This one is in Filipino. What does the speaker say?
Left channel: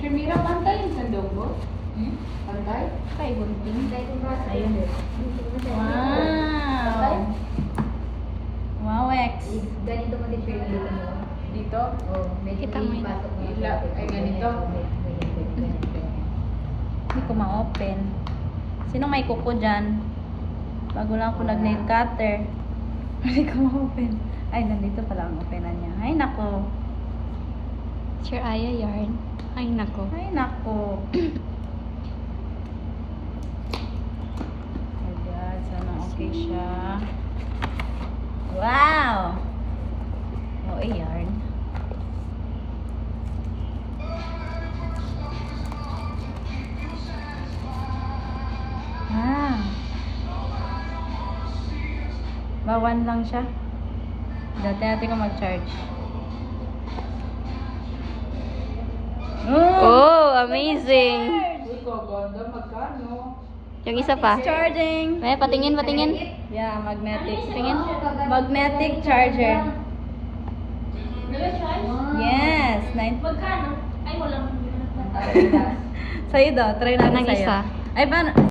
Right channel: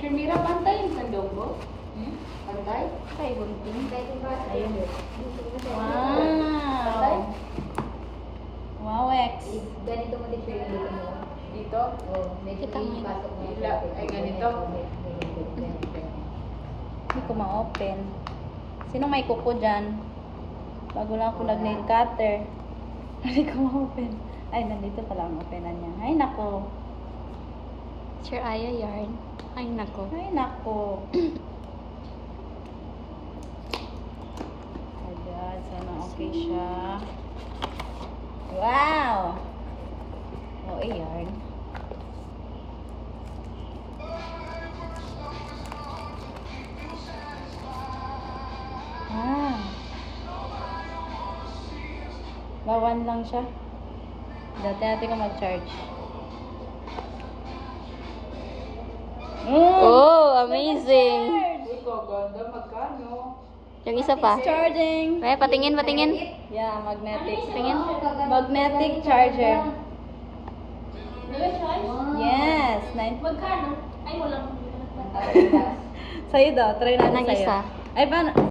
Teacher Mira, pantay yung daw mo? Pantay? Ay, pintay kong bata. Ayun. Wow! Wow, X. Ganito mo din siya dito. Dito? Oh, medyo Kita mo yun. pasok mo. Ila, ay ganito. Hindi ko ma-open. Sino may kuko dyan? Bago lang ako nag-nail cutter. Hindi ko ma-open. Ay, nandito pala ang openan niya. Ay, nako. Sir Aya yarn. Ay, nako. Ay, nako. Oh God, sana okay siya. Wow! Oh, yarn. Ah. Bawan lang siya. Dati natin ko mag-charge. Oh, amazing. Ito, ganda, magkano? Yung isa pa. Charging! Ay, patingin, patingin. Yeah, magnetic. Tingin. Magnetic charger. Yes! Magkano? Ay, walang. Sa'yo daw, try natin Anong sa'yo. isa? Ay, paano?